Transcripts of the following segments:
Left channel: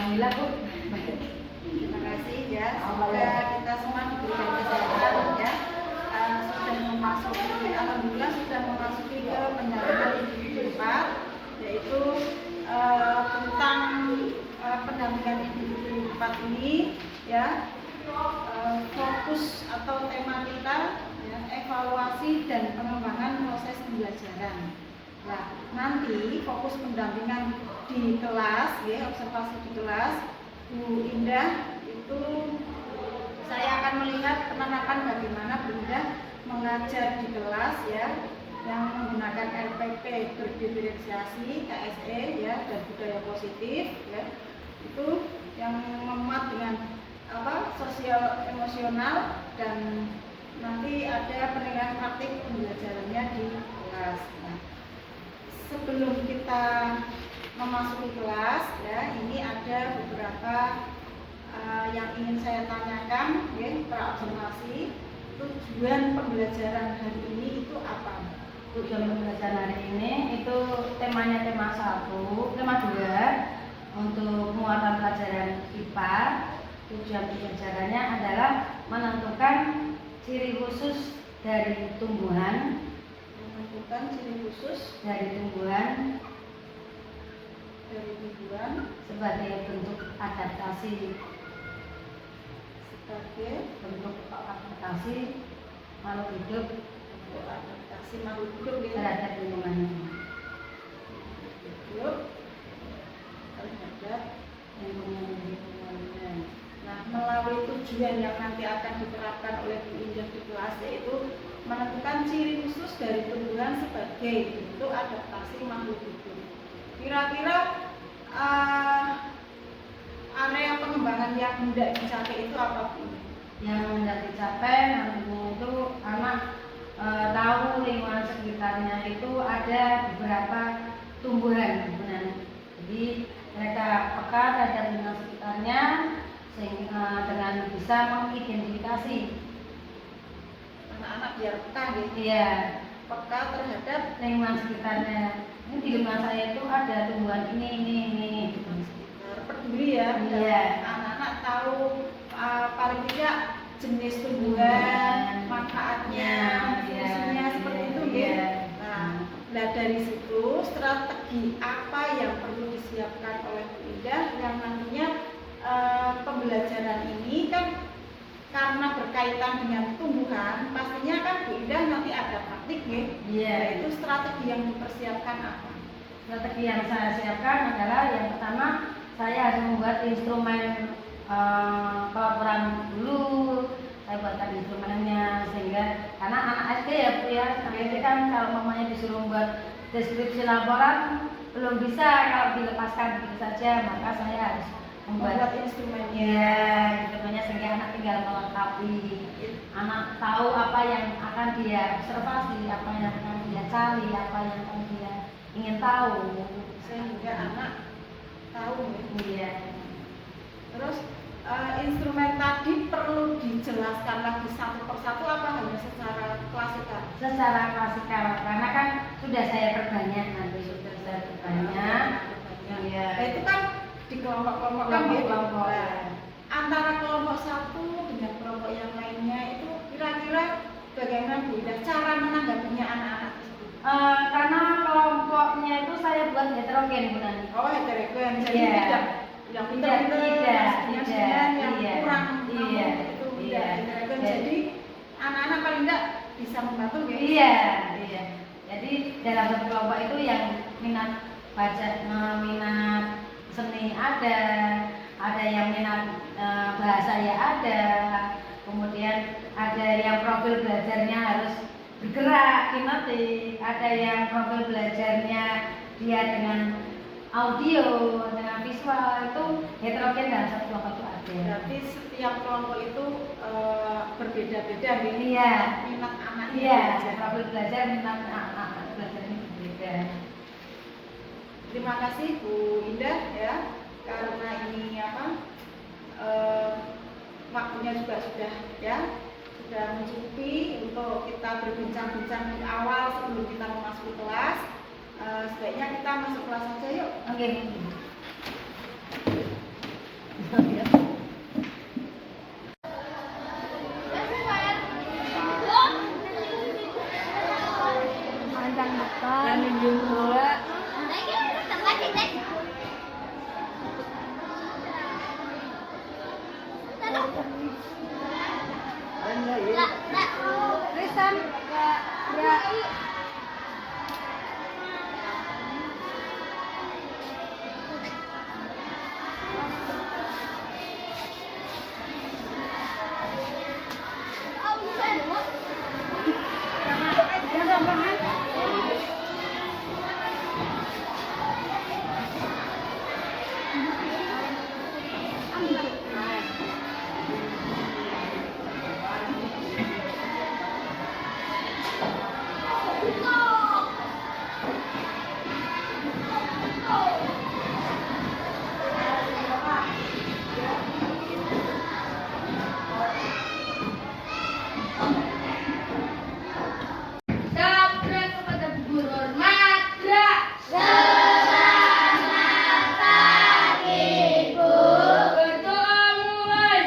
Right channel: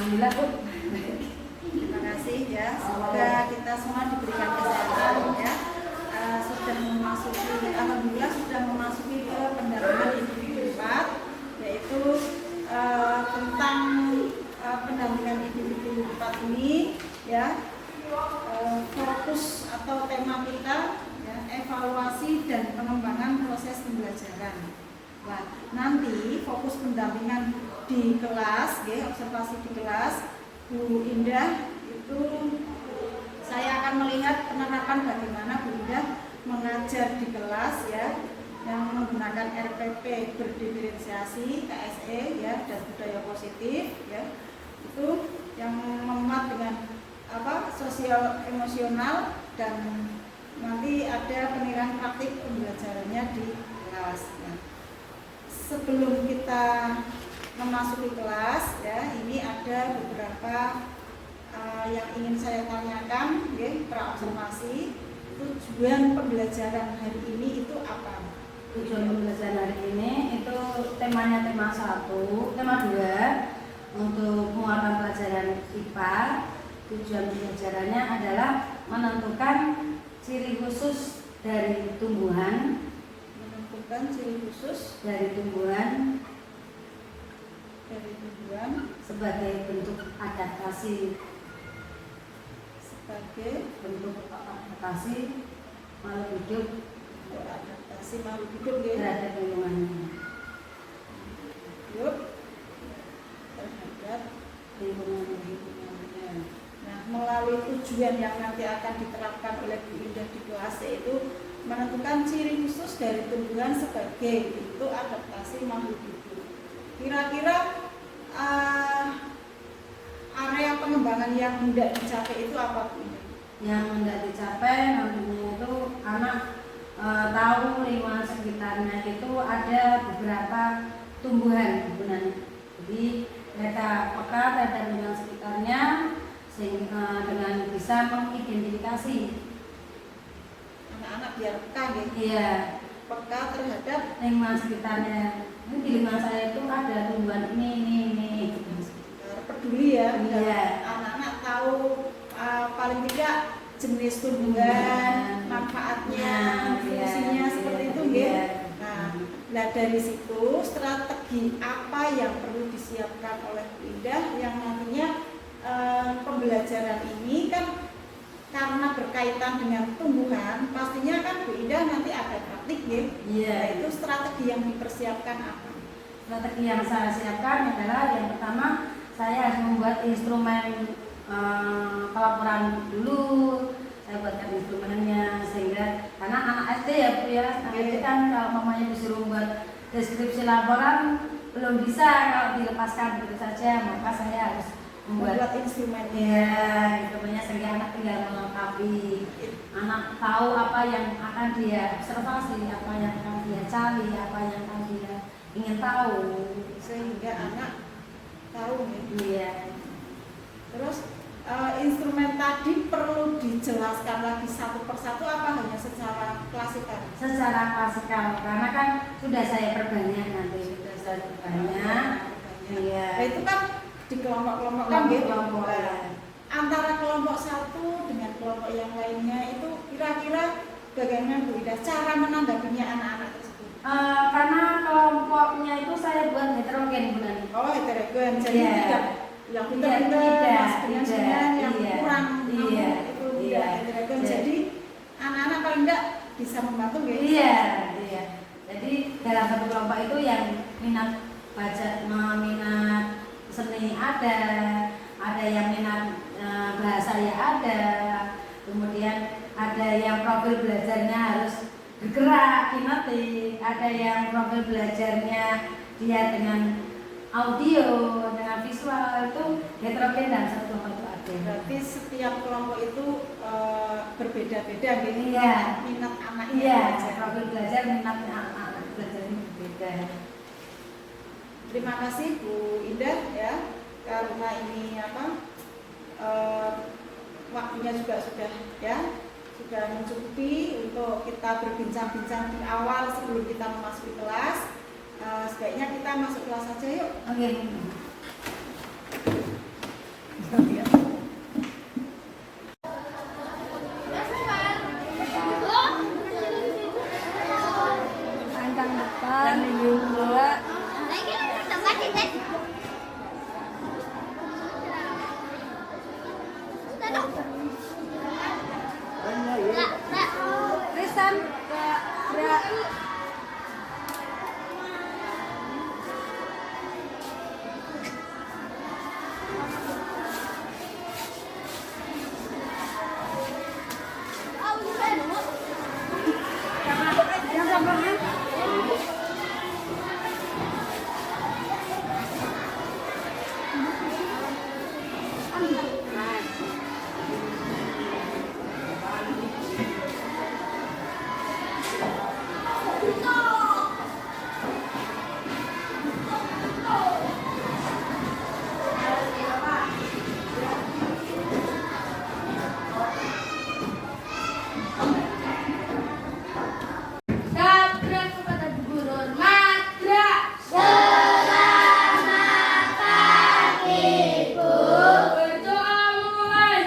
Alhamdulillah Bu. Terima kasih ya. Semoga kita semua diberikan kesehatan ya. Sudah memasuki, alhamdulillah sudah memasuki ke pendampingan individu 4, yaitu tentang pendampingan individu 4 ini ya. Fokus atau tema kita ya, evaluasi dan pengembangan proses pembelajaran. Nah, nanti fokus pendampingan di kelas, ya, observasi di kelas, Bu Indah itu saya akan melihat penerapan bagaimana Bu Indah mengajar di kelas ya, yang menggunakan RPP berdiferensiasi, KSE ya, dan budaya positif ya. Itu yang memuat dengan sosial emosional, dan nanti ada penilaian praktik pembelajarannya di kelas. Nah, sebelum kita memasuki kelas ya, ini ada beberapa yang ingin saya tanyakan ya, pra-observasi. Tujuan pembelajaran hari ini itu apa? Tujuan pembelajaran hari ini itu temanya tema 1, tema 2 untuk muatan pelajaran IPA. Tujuan pembelajarannya adalah menentukan ciri khusus dari tumbuhan, sebagai bentuk adaptasi makhluk hidup ya, terhadap lingkungannya. Terhadap lingkungannya. Nah, melalui tujuan yang nanti akan diterapkan oleh Bu Indah di kelas, yaitu menentukan ciri khusus dari tumbuhan sebagai bentuk adaptasi makhluk hidup. Kira-kira area pengembangan yang hendak dicapai itu apa, Bu? Yang hendak dicapai nantinya itu anak tahu lingkungan sekitarnya itu ada beberapa tumbuhan sebenarnya. Jadi mereka peka terhadap lingkungan sekitarnya dengan bisa mengidentifikasi. Anak-anak biar peka gitu. Iya. Peka terhadap lingkungan sekitarnya. Ini di lingkungan saya itu ada tumbuhan ini gitu. Peduli ya. Iya. Anak-anak tahu paling tidak jenis tumbuhan, manfaatnya, fungsinya seperti itu gitu. Nah, dari situ strategi apa yang perlu disiapkan oleh Bu Indah yang nantinya pembelajaran ini kan karena berkaitan dengan tumbuhan, pastinya kan Bu Indah nanti ada praktik ya. Nah, itu strategi yang dipersiapkan apa? Strategi yang saya siapkan adalah yang pertama, saya harus membuat instrumen pelaporan dulu. Saya buatkan instrumennya sehingga karena anak SD ya Bu ya, anak SD kan kalau mamanya disuruh buat deskripsi laporan belum bisa kalau dilepaskan begitu saja, maka saya harus membuat instrumennya sehingga anak tinggal melengkapi. Anak tahu apa yang akan dia observasi, apa yang akan dia cari, apa yang akan dia ingin tahu, sehingga anak tahu nih. Iya. Terus instrumen tadi perlu dijelaskan lagi satu persatu apa hanya secara klasikal? Secara klasikal, karena kan sudah saya perbanyak nanti, Iya. Nah, itu kan di kelompok-kelompokkan kelompok. Antara kelompok satu dengan kelompok yang lainnya itu kira-kira bagaimana Bu Indah cara menanggapinya anak-anak tersebut? Karena kelompoknya itu saya buat heterogen Bu Nani. Oh, heterogen, jadi tidak yang pintar-pintar dengan yang kurang mampu itu tidak heterogen. Jadi anak-anak paling tidak bisa membantu ya? Iya. Jadi dalam satu kelompok itu yang minat baca, minat seni ada yang minat bahasa ya ada, kemudian ada yang profil belajarnya harus bergerak kinetik, ada yang profil belajarnya dia dengan audio, dengan visual, itu heterogen dalam satu kelompok itu ada. Berarti setiap kelompok itu berbeda-beda gitu. Iya. Minat anaknya. Iya. Profil belajar minat anak belajar ini berbeda. Terima kasih Bu Indah ya, karena ini waktunya juga sudah mencukupi untuk kita berbincang-bincang di awal sebelum kita memasuki kelas. Sebaiknya kita masuk kelas saja yuk. Oke. Panjang depan. Dan minum pula. Trisam. Ya. Dabrak kepada guru hormat. Drak. Berdoa mulai.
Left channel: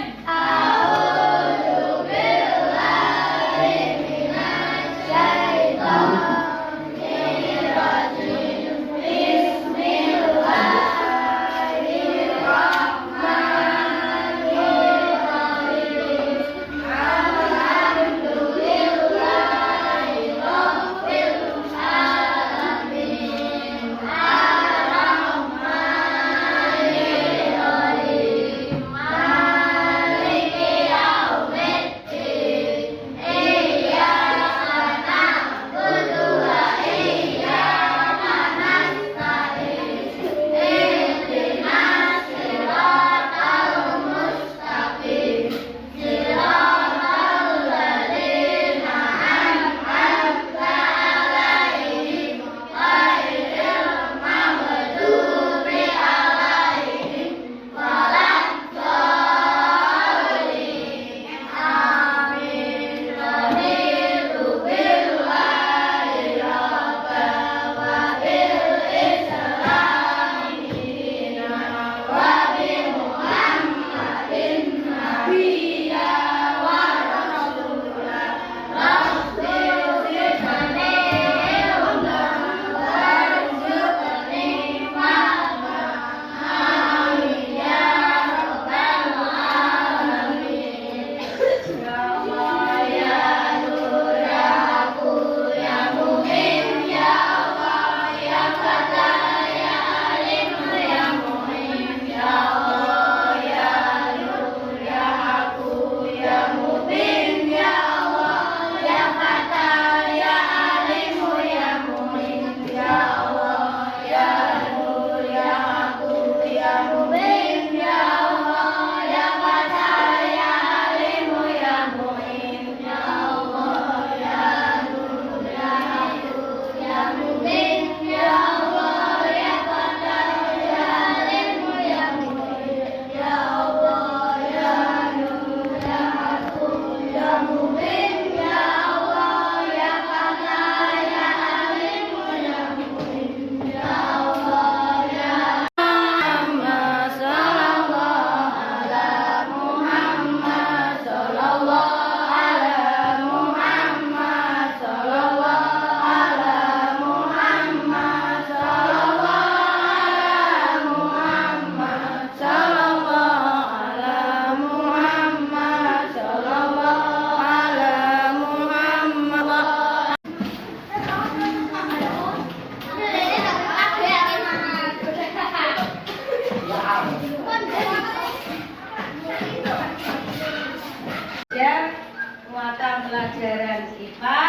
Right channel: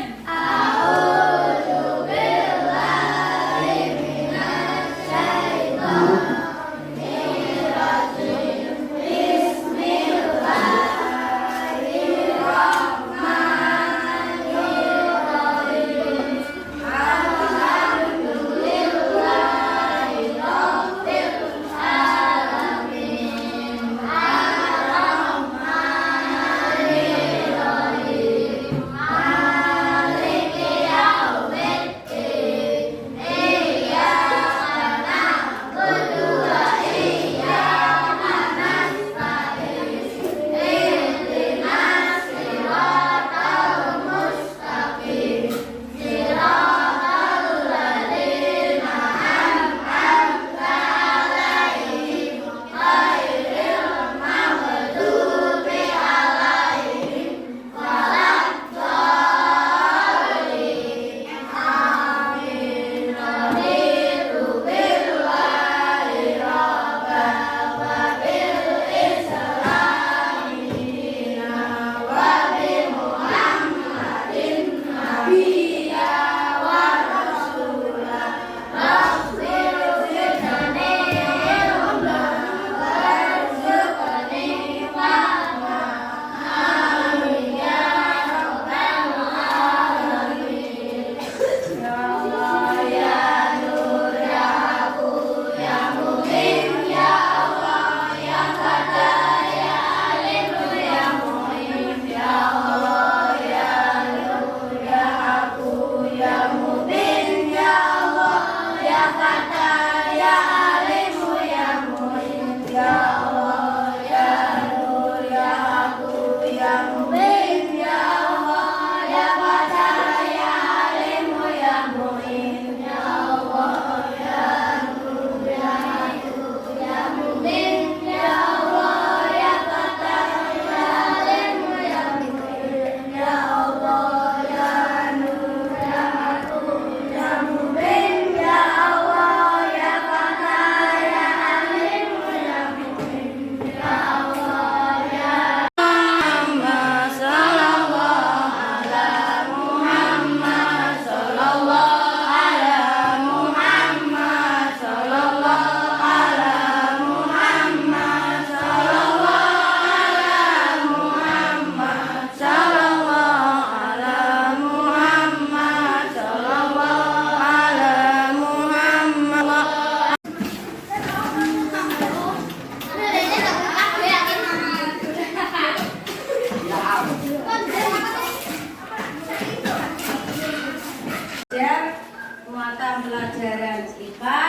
Pelajaran IPA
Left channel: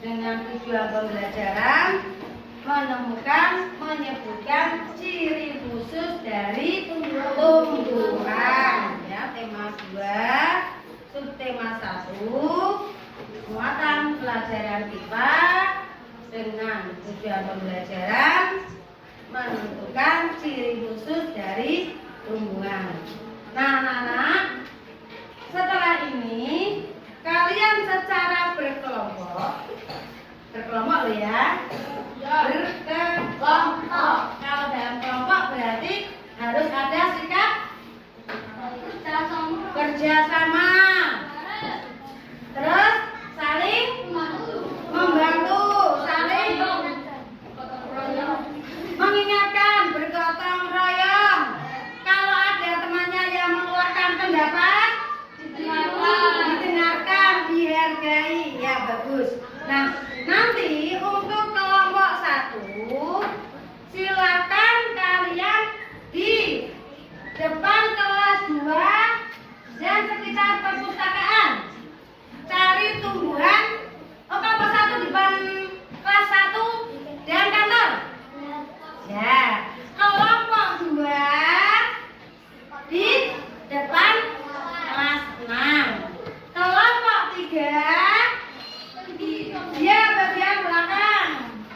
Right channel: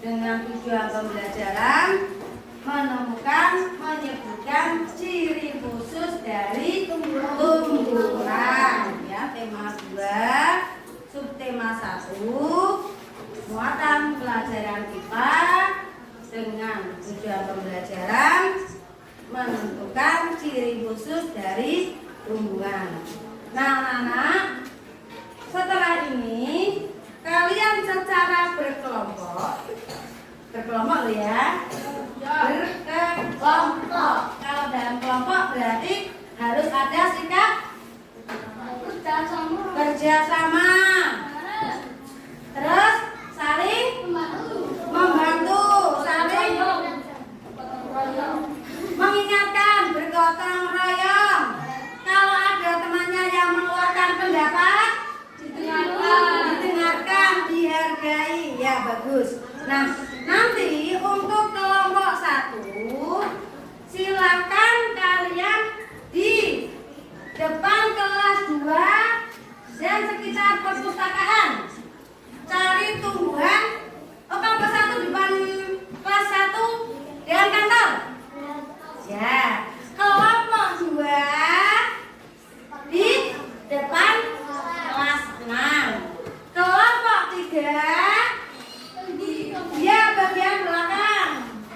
dengan tujuan pembelajaran menemukan, menyebutkan ciri khusus dari tumbuhan. Ya, tema 2, subtema 1, muatan pelajaran IPA dengan tujuan pembelajaran menentukan ciri khusus dari tumbuhan. Nah, anak-anak, setelah ini kalian secara berkelompok loh ya, berkelompok. Kalau dalam kelompok berarti harus ada sikap kerjasama, terus saling membantu, saling mengingatkan, bergotong royong. Kalau ada temannya yang mengeluarkan pendapat, didengarkan, dihargai, ya bagus. Nah, nanti untuk kelompok 1, silakan kalian di depan kelas 2 dan sekitar perpustakaan cari tumbuhan. Oh, kelompok 1 depan kelas 1 dan kantor. Ya, kelompok 2 di depan kelas 6. Kelompok 3 dia bagian belakang,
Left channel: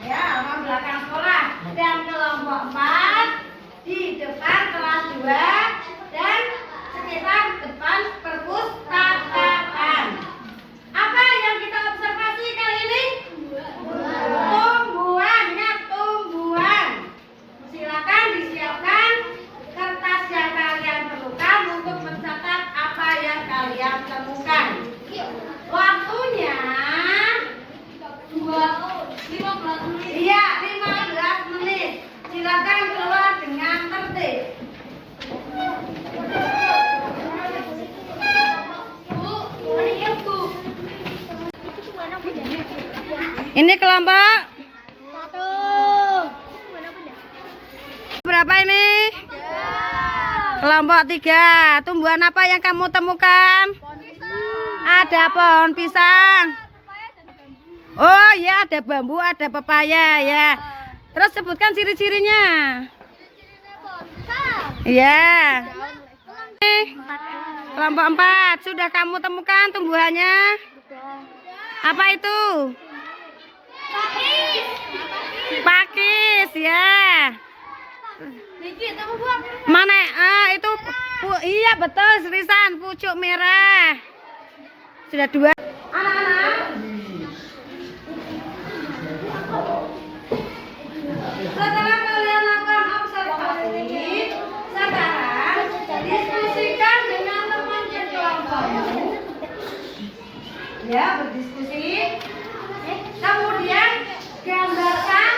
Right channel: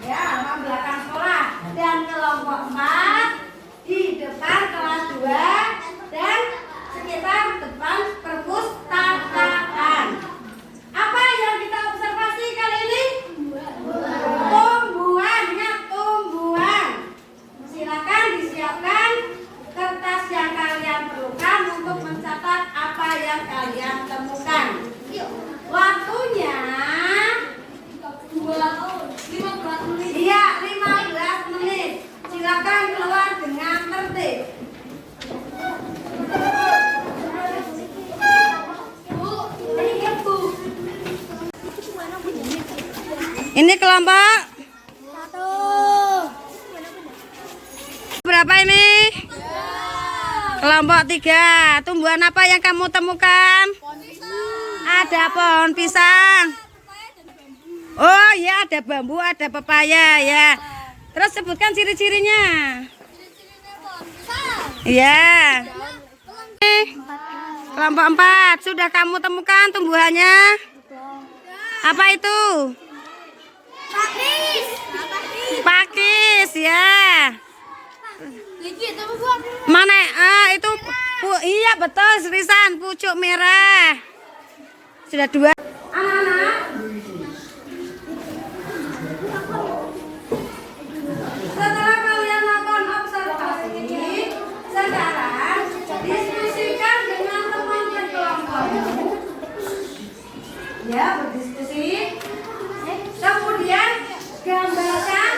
ya, orang belakang sekolah. Dan kelompok 4 di depan kelas 2 dan sekitar depan perpustakaan. Apa yang kita observasi kali ini? Tumbuhan, ya, tumbuhan. Silakan disiapkan kertas yang kalian perlukan untuk mencatat apa yang kalian temukan. Waktunya 15 menit. Iya, 15 menit. Silakan keluar dengan tertib. Ini kelompok berapa ini? Kelompok 3. Tumbuhan apa yang kamu temukan? Ada pohon pisang. Oh ya, ada bambu, ada pepaya ya. Terus sebutkan ciri-cirinya. Iya. Kelompok 4. Sudah kamu temukan tumbuhannya? Apa itu? Pakis ya. Mana? Itu iya betul, Risan, pucuk merah. Sudah 2. Anak-anak, setelah kalian melakukan observasi, sekarang diskusikan dengan teman sekelompokmu. Ya, berdiskusi. Kemudian gambarkan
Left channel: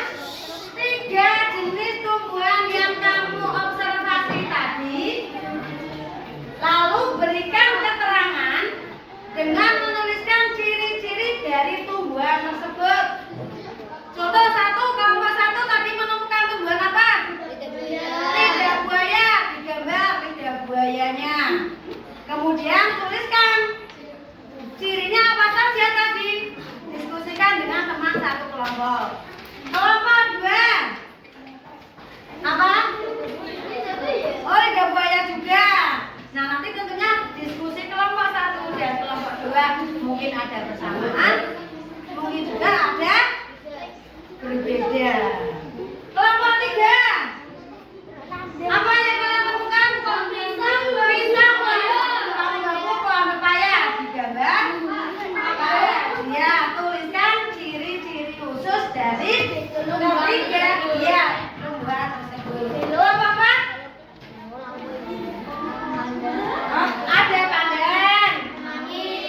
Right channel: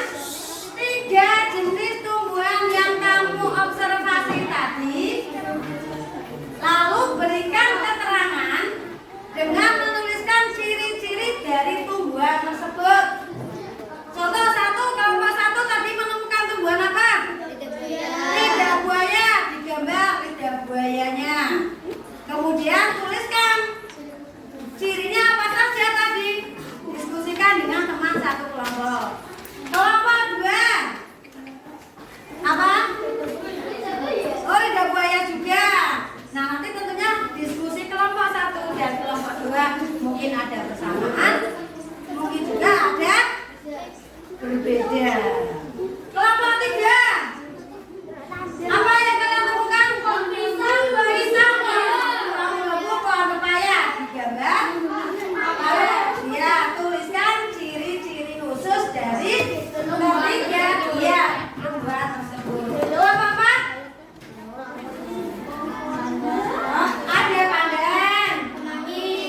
3 jenis tumbuhan yang kamu observasi tadi. Lalu berikan keterangan dengan menuliskan ciri-ciri dari tumbuhan tersebut. Contoh 1, kelompok 1 tadi menemukan tumbuhan apa? Lidah buaya. Digambar lidah buayanya. Kemudian tuliskan cirinya apa saja tadi. Diskusikan dengan teman satu kelompok. Kelompok 2 apa? Oh, lidah buaya juga. Nah, nanti tentunya diskusi kelompok 1 dan kelompok 2 mungkin ada persamaan, mungkin juga ada berbeda. Kelompok 3 apa yang kalian temukan? Pisang, pohon pepaya. Digambar. Ya, tuliskan ciri-ciri khusus dari ketiga dia tumbuhan tersebut. Kelompok 4 ada pandan,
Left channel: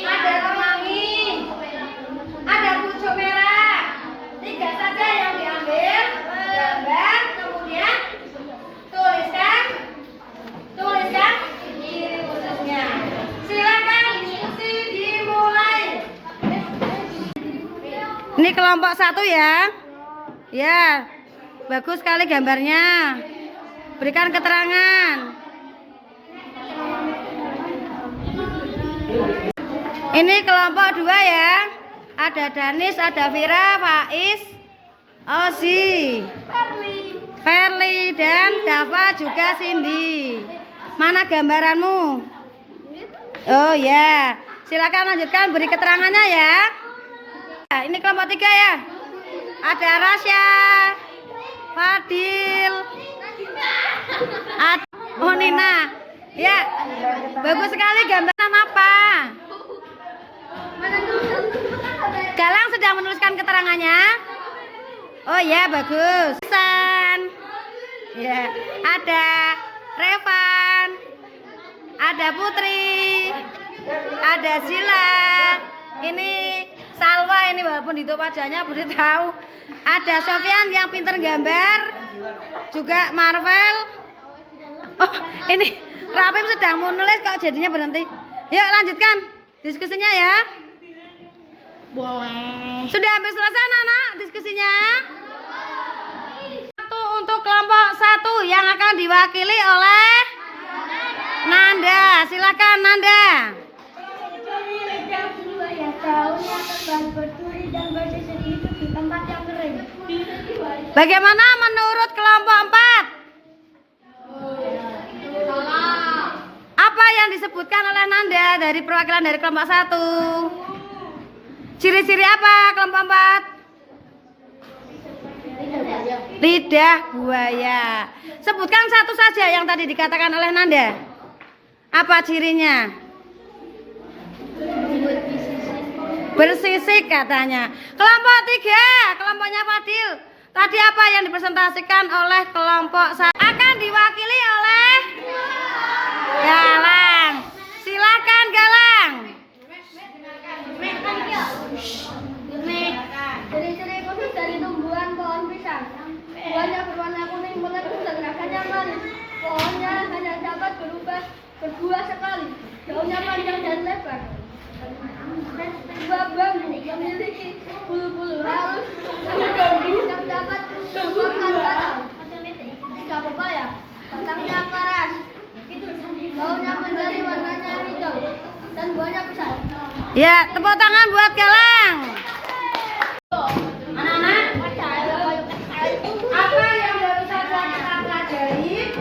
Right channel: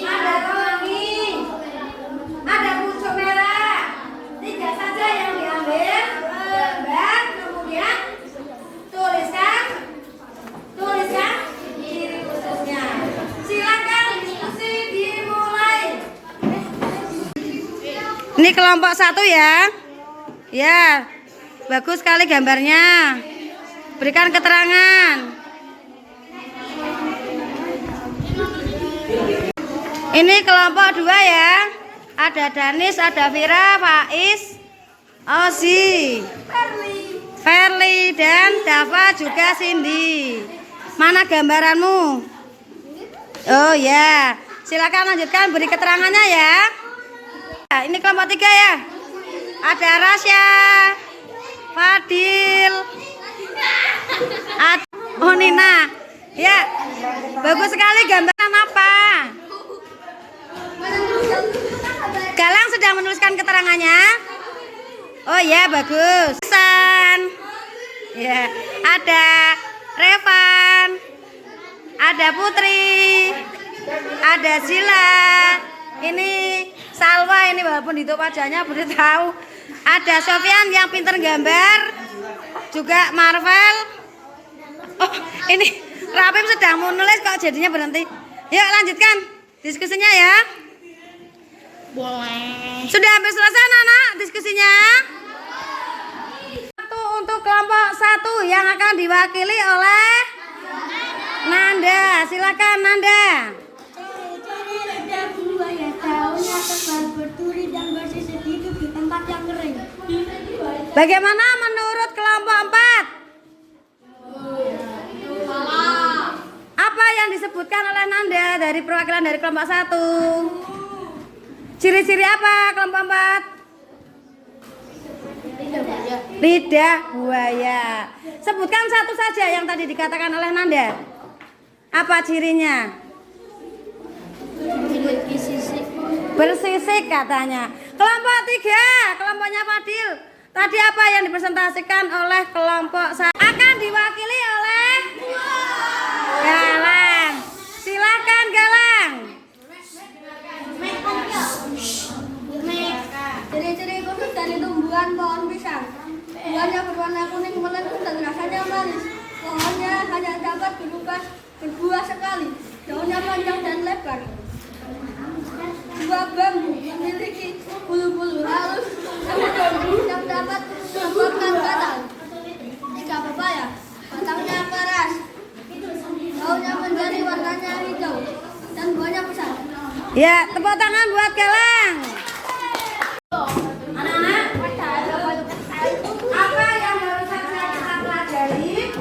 ada kemangi, ada pucuk merah. 3 saja yang diambil. Gambar, kemudian tuliskan ciri khususnya. Silakan diskusi dimulai. Ini kelompok 1 ya. Ya, bagus sekali gambarnya. Berikan keterangan. Ini kelompok 2 ya. Ada Danis, ada Vira, Faiz, Ozi, Verly, dan Dava juga Cindy. Mana gambaranmu? Oh ya, silakan lanjutkan beri keterangannya ya. Ini kelompok 3 ya. Ada Rasya, Fadil, oh Nina. Ya, bagus sekali gambaran apa? Galang sudah menuliskan keterangannya. Oh ya, bagus. San. Ya, ada Revan, ada Putri, Ada Sila. Ini Salwa ini walaupun ditutup wajahnya baru tahu. Ada Sofyan yang pinter gambar. Juga Marvel. Oh, ini Rapim sedang mau nulis kok jadinya berhenti. Yuk lanjutkan diskusinya ya. Boleh. Sudah hampir selesai anak diskusinya. Untuk kelompok 1 yang akan diwakili oleh Nanda. Silakan Nanda. Daunnya tebal berduri dan bersisir hidup di tempat yang kering. Bagaimana menurut kelompok 4? Apa yang disebutkan oleh Nanda dari perwakilan dari kelompok 1? Ciri-ciri apa kelompok 4? Lidah buaya. Sebutkan satu saja yang tadi dikatakan oleh Nanda. Apa cirinya? Bersisik katanya. Kelompok 3, kelompoknya Fadil. Tadi apa yang dipresentasikan oleh kelompok saya? Akan diwakili oleh Galang. Silakan Galang. Ciri-ciri khusus dari tumbuhan pohon pisang. Buahnya berwarna kuning melengkung dan rasanya manis. Pohonnya hanya dapat berbuah sekali. Daunnya panjang dan lebar. Buah bambu memiliki bulu-bulu halus yang dapat menguatkan batang. 3 pepaya, batangnya keras. Daunnya menjadi warnanya hijau dan buahnya besar. Ya, tepuk tangan buat Galang. Anak-anak, apa yang baru saja kita pelajari?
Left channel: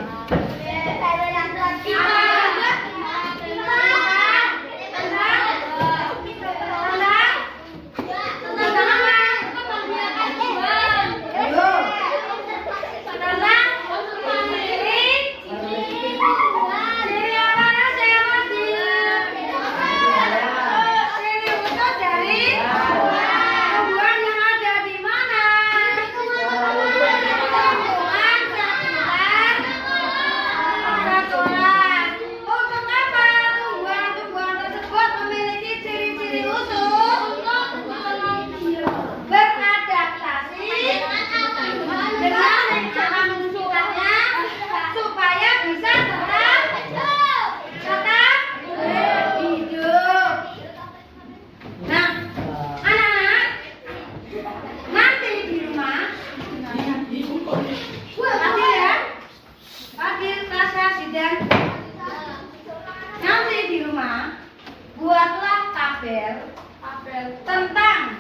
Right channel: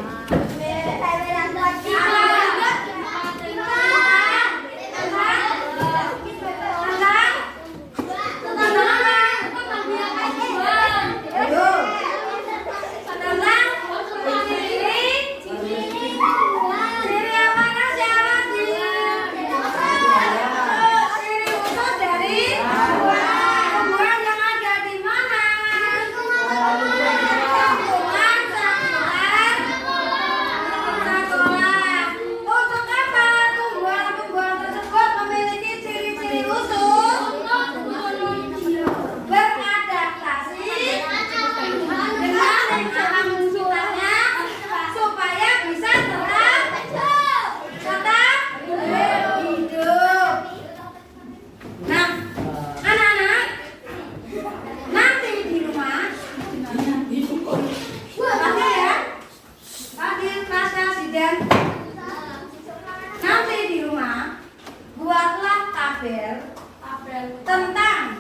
Tentang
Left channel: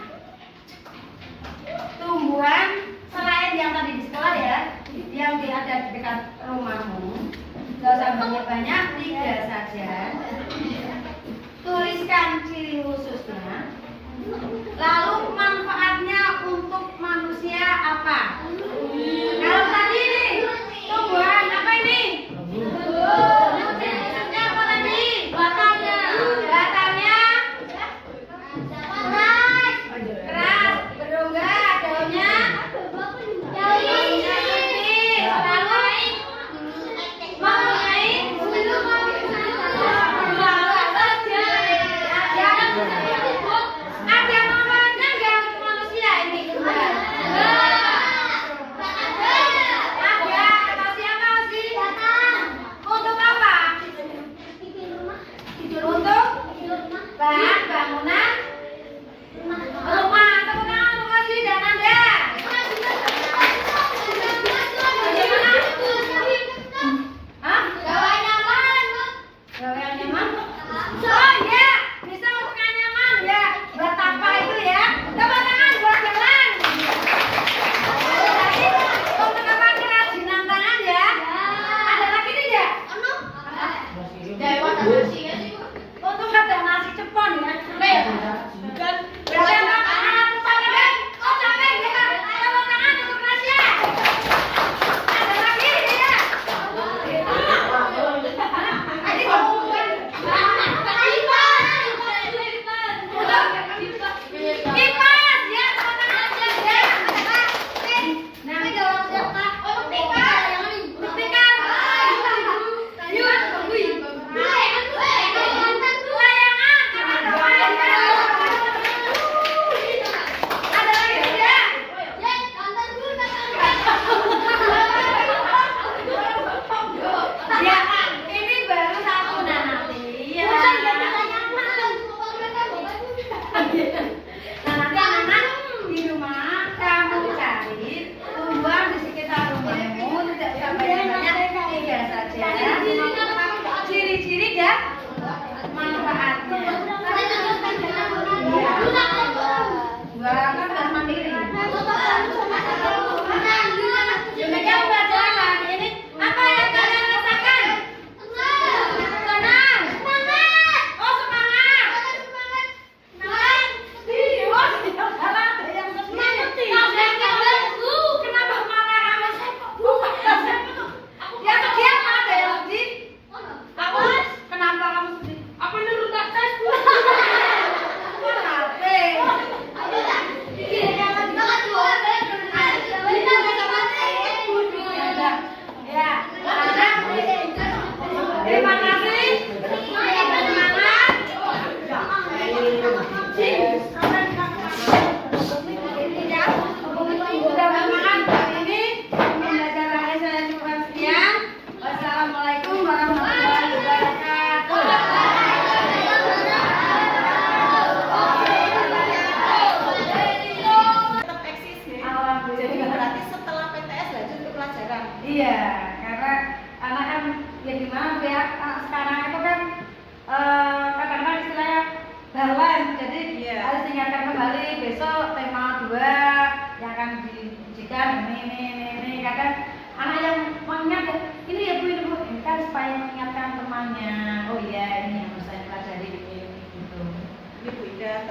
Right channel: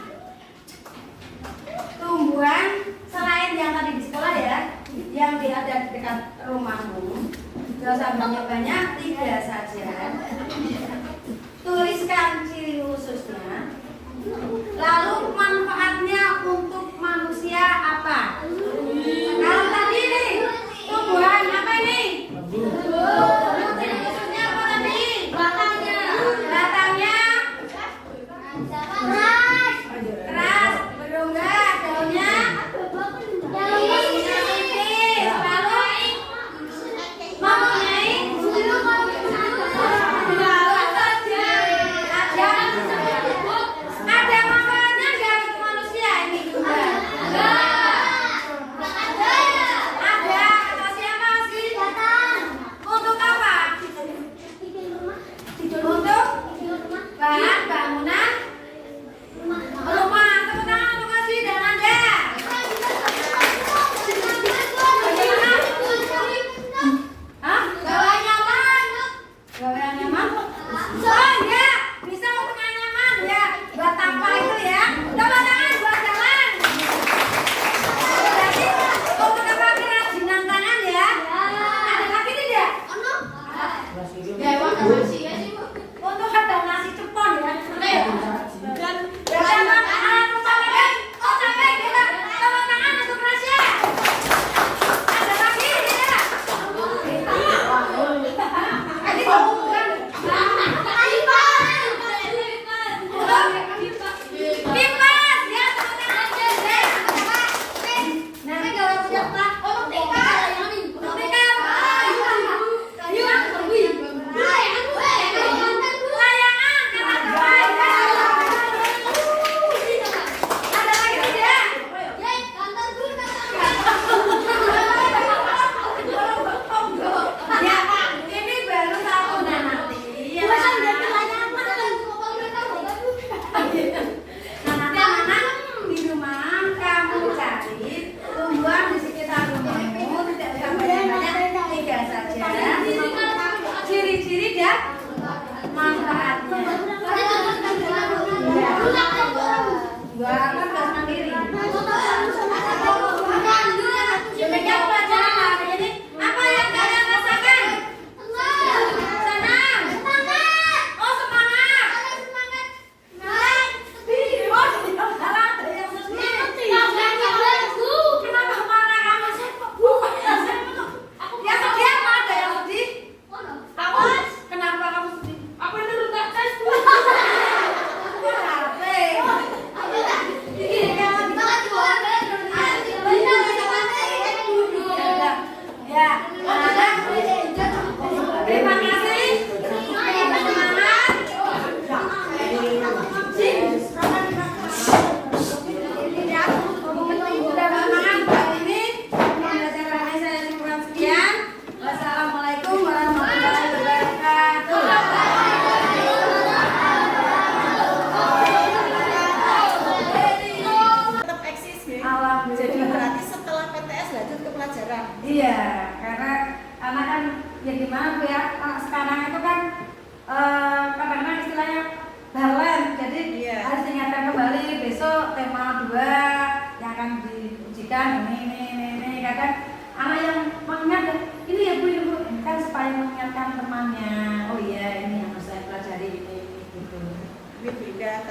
tumbuhan selain yang tadi di sekolah ya, yang ada di dekat rumahmu. Gak usah banyak-banyak, 3 saja. Tuliskan ciri khususnya. Lalu manfaatnya untuk manusia apa? Kalau tadi nih tumbuhan apa ini? Ciri khususnya apa tadi? Batangnya keras, berongga, daunnya tipis, lalu mempunyai ada manfaatnya nggak untuk manusia ini? Ada, kata siapa sih? Untuk apa? Untuk bahan bangunan rumah. Tepuk tangan untuk Masih dan Anda. Hah? Gawe nyaman. Gawe nyaman? Oh ya, bisa untuk yang nyaman ya. Buat apa itu ya? Tepuk tangan buat jalan. Jadi untuk apa kerajinan tangan ya? Ada lagi tidak? Untuk ada nasi cepon ya. Berarti anak lupa lagi. Oh sampai kita tepuk tangan untuk Rasya. Ada lagi ya? Adik bukan. Kipas ya, tepuk tangan aja. Nah, kalau siapa? Untuk kipas. Untuk kipas. Yuk.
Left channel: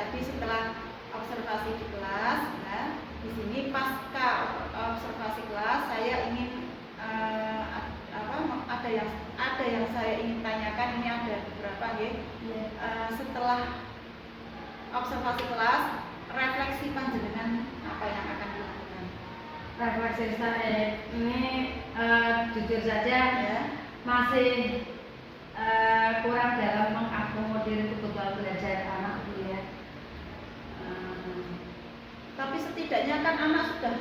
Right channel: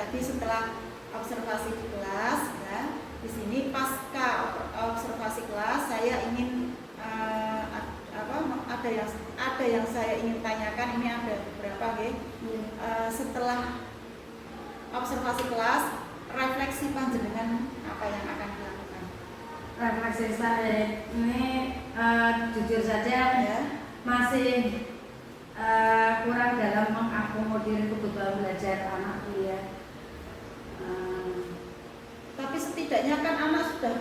tadi setelah observasi di kelas ya. Di sini pasca observasi kelas saya ingin ada yang saya ingin tanyakan. Ini ada beberapa ya. Setelah observasi kelas, refleksi panjenengan apa yang akan dilakukan? Refleksi saya ini jujur saja Ya. masih kurang dalam mengakomodir kebutuhan belajar anak dia. Tapi setidaknya kan anak sudah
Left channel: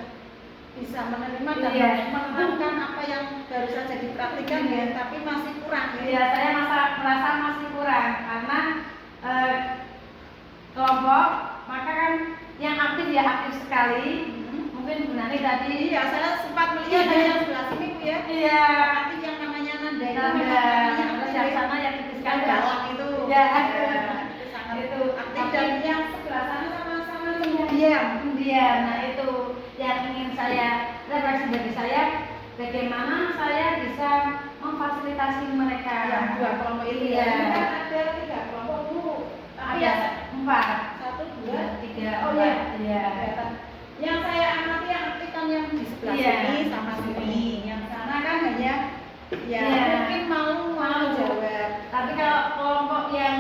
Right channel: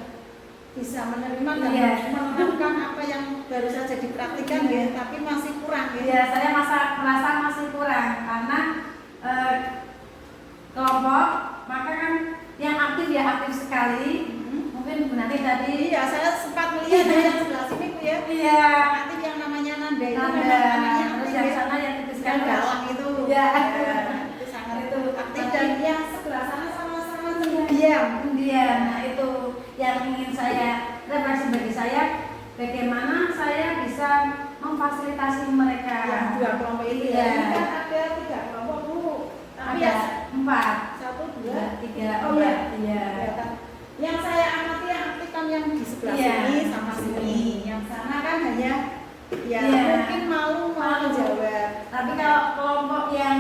bisa menerima dan Iya. menerapkan apa yang baru saja dipraktikkan ya, tapi masih kurang ya. Ya, saya merasa masih kurang karena kelompok, maka kan yang aktif ya aktif sekali. Mungkin Bu Nani tadi. Iya, saya sempat melihat ya yang sebelah sini Bu ya. Iya. Nanti yang namanya Nanda itu Nanda, memang namanya terus aktif yang ya. sana yang aktif Kan sekali. galak itu. Ya. Itu sangat Itu aktif aktif. dan yang sebelah sana sama-sama pendiam. Kemudian, nah itu yang ingin saya refleksi bagi saya, bagaimana saya bisa memfasilitasi mereka. Yang dua kelompok ini Iya. ya. Ini kan ada 3 kelompok Bu. Tapi Ada ya 4, 1, 2, 3, Oh iya. iya. kelihatan. Yang saya amati yang aktif kan yang di sebelah Iya. sini sama sini. Yang sana kan hanya ya Iya. mungkin mau jawab. Tapi kalau kelompok yang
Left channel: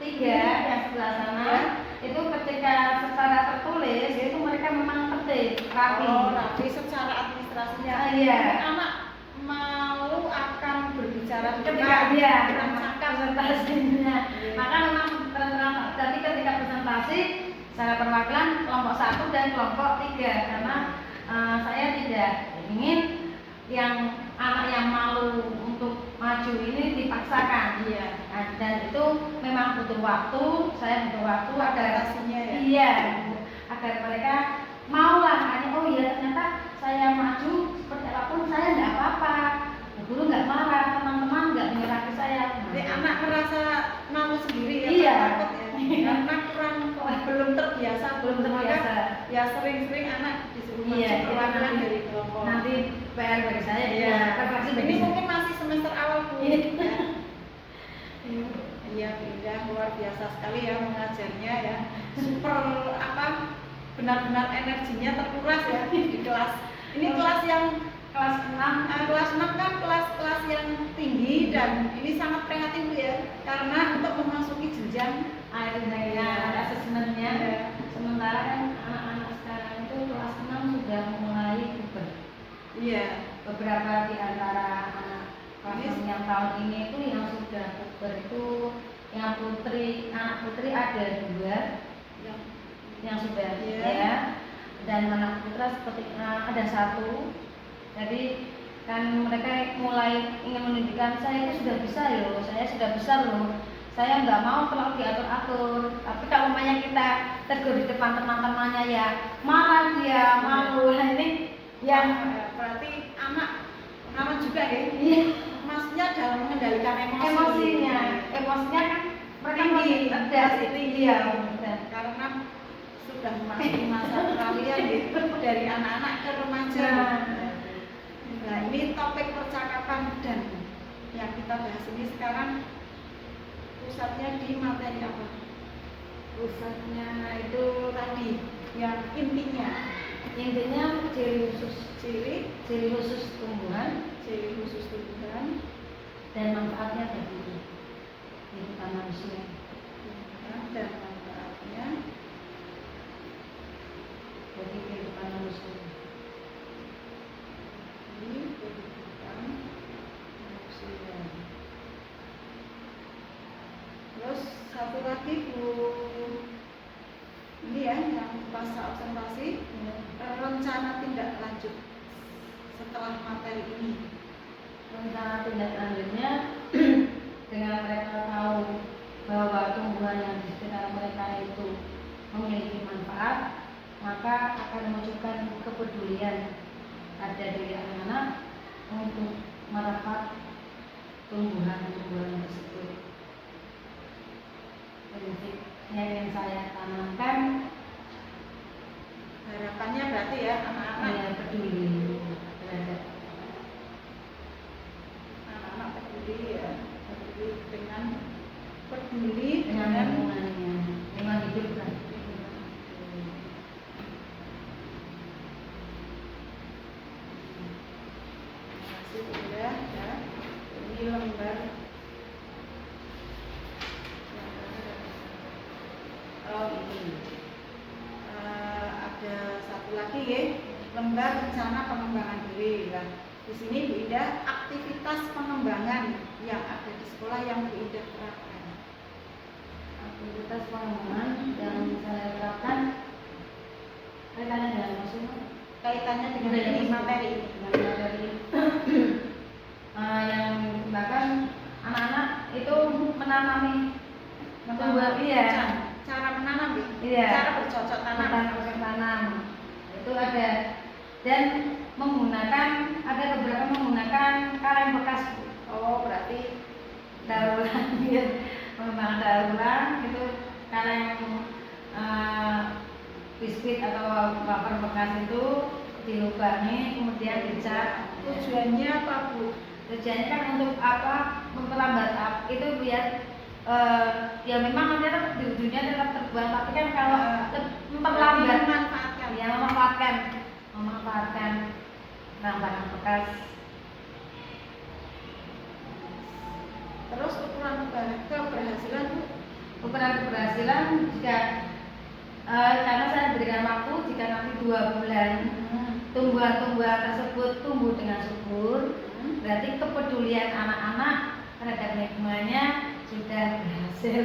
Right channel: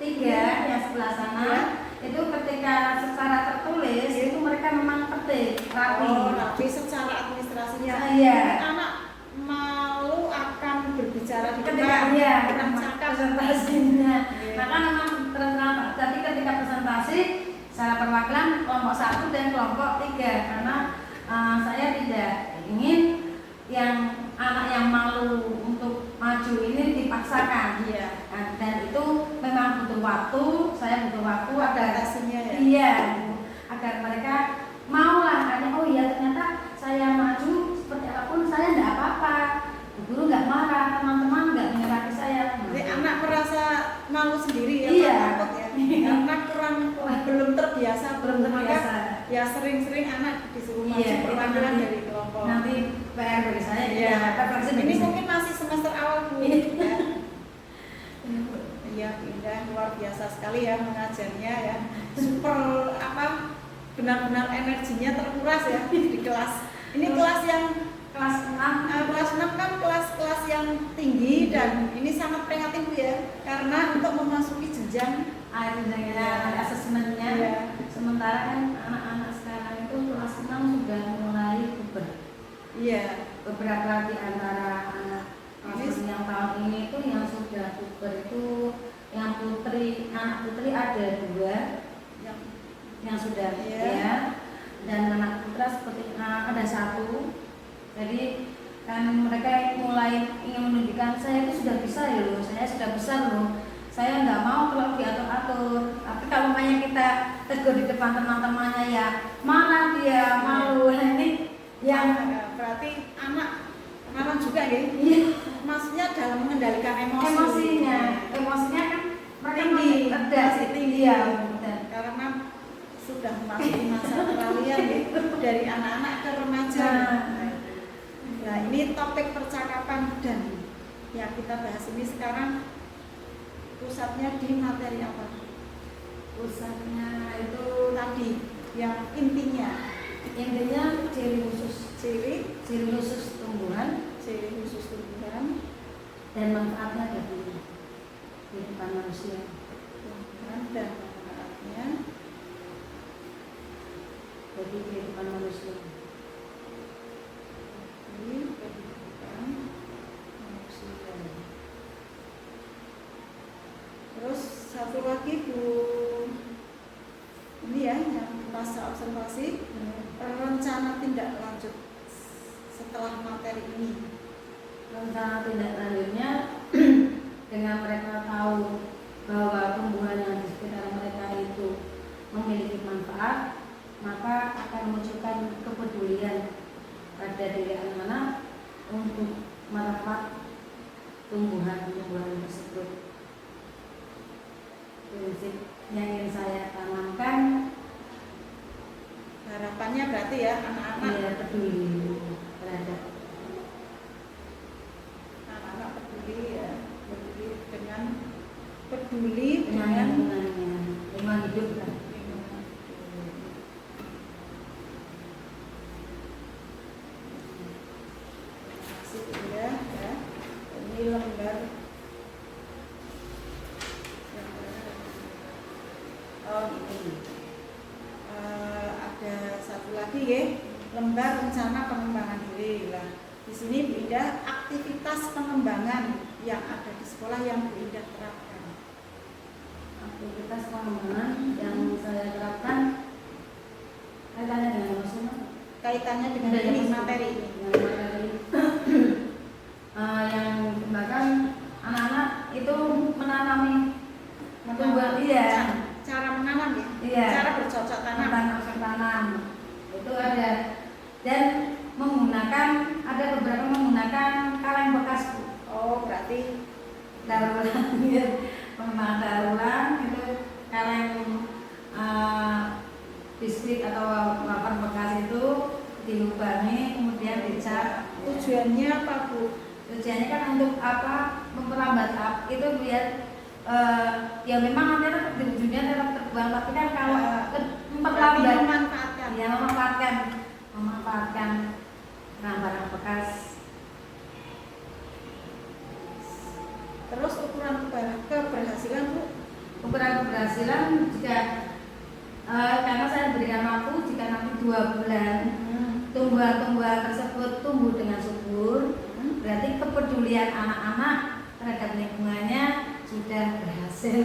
3 yang sebelah sana, Ya. itu ketika secara tertulis itu mereka memang ketik rapi. Oh, tapi secara administrasinya Iya. mungkin anak malu akan berbicara di Ketika depan, dia kurang cakap. presentasinya, Iya. maka memang terang. Tapi ketika presentasi secara perwakilan kelompok 1 dan kelompok 3 karena saya tidak ingin yang anak yang malu untuk maju ini dipaksakan. Iya. Nah, dan itu memang butuh waktu, saya butuh waktu agar Adaptasinya ya. iya, agar mereka maulah hanya oh iya ternyata saya maju seperti apapun saya tidak apa-apa, guru nggak marah, teman-teman nggak menyerahkan saya. Jadi anak merasa malu sendiri ya, Iya. takut ya, karena belum terbiasa, Belum terbiasa. Maka ya sering-sering anak disuruh maju Iya, perwakilan itu dari kelompok. Nanti PR dari saya Iya. refleksi Ini bagi saya. mungkin masih semester awal Bu. Iya. Ya. Iya, indah, luar biasa sekali ya mengajarnya ya. Super benar-benar energinya terkuras ya di kelas. Ini kelas yang Kelas 6 kelas 6 kan kelas yang tinggi dan ini sangat prihatin Bu ya, karena untuk memasuki jenjang akhirnya asesmennya. Iya. Sementara kan anak-anak sekarang itu kelas 6 sudah mulai puber. iya. Beberapa di antara anak kelas yang tahun ini itu yang sudah puber itu anak putri ada 2 yang yang sudah Iya. ya, dan anak putra seperti ada 1. Jadi kan mereka mulai ingin menunjukkan saya itu sudah bisa loh, saya sudah besar loh, saya nggak mau kalau diatur-atur. Tapi kalau umpamanya kita tegur di depan teman-temannya ya marah dia, malu. Nah, ini yang berarti anak pengalaman juga ya. iya, Maksudnya dalam mengendalikan emosi. emosinya kan mereka Tinggi, ada masih tinggi. ya, dan Karena sudah memasuki masa peralihan ya, dari anak-anak ke remaja. Nah, ini topik percakapan dan yang kita bahas ini sekarang pusatnya di materi apa? pusatnya itu Tadi yang intinya ciri khusus tumbuhan ciri khusus tumbuhan dan manfaatnya bagi kehidupan manusia. dan manfaatnya Bagi kehidupan manusia. di kehidupan manusia. Terus satu lagi Bu, ini ya yang pasca observasi, rencana tindak lanjut setelah materi ini. Rencana tindak lanjutnya dengan mereka tahu bahwa tumbuhan yang di sekitar mereka itu memiliki manfaat, maka akan memunculkan kepedulian pada diri anak-anak untuk merawat tumbuhan-tumbuhan tersebut. Prinsip yang ingin saya tanamkan, Harapannya berarti ya anak-anak dia peduli terhadap peduli ya, peduli dengan lingkungannya. lingkungan hidup kan. Sudah ya. Ini lembar yang mana? Oh ini. Ada satu lagi ya, lembar rencana pengembangan diri lah. Di sini Bu Ida aktivitas pengembangan yang ada di sekolah yang Bu Ida terapkan. Aktivitas pengembangan yang saya terapkan kaitannya dengan maksudnya Kaitannya dengan ini materi ini. materi yang bahkan anak-anak itu menanami tumbuhan, iya, Cara menanam ya. iya, Cara bercocok tanam. tanam itu ada, dan ada beberapa menggunakan kaleng bekas Bu. Oh berarti Daur ulang ya, memang daur ulang itu kaleng biskuit atau wafer bekas itu dilubangi kemudian dicat. tujuannya apa Bu? Tujuannya kan untuk apa? Memperlambat itu biar ya memang nanti tetap di ujungnya tetap terbuang, tapi kan kalau memperlambat Memanfaatkan. ya memanfaatkan barang bekas. Terus ukuran keberhasilan Bu? Ukuran keberhasilan jika karena saya berikan waktu, jika nanti 2 bulan tumbuhan-tumbuhan tersebut tumbuh dengan subur, berarti kepedulian anak-anak terhadap lingkungannya sudah berhasil.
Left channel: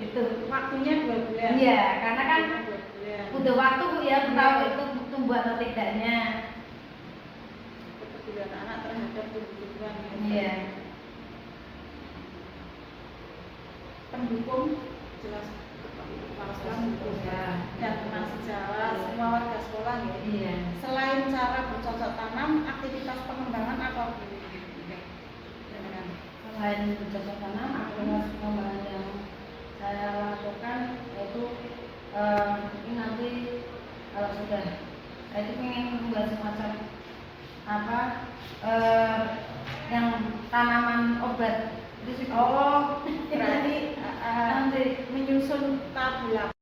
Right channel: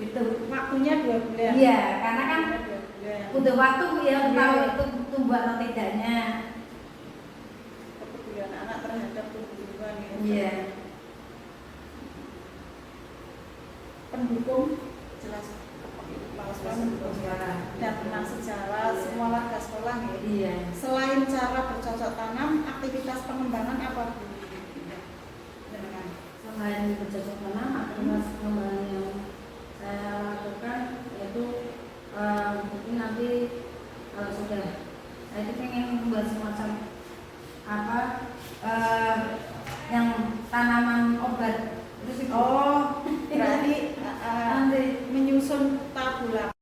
Itu Waktunya 2 bulan. iya, karena kan 2 bulan. butuh waktu ya tahu itu tumbuh atau tidaknya. Kepedulian anak terhadap tumbuhan. Iya. Pendukung jelas kepala sekolah mendukung ya. Dan tentang sejarah semua warga sekolah ya. Iya. Selain cara bercocok tanam, aktivitas pengembangan apa Bu? Selain bercocok tanam, aktivitas pengembangan yang saya lakukan yaitu mungkin nanti kalau sudah saya itu ingin membuat semacam apa yang tanaman obat itu sih. Oh, berarti nanti menyusun tabula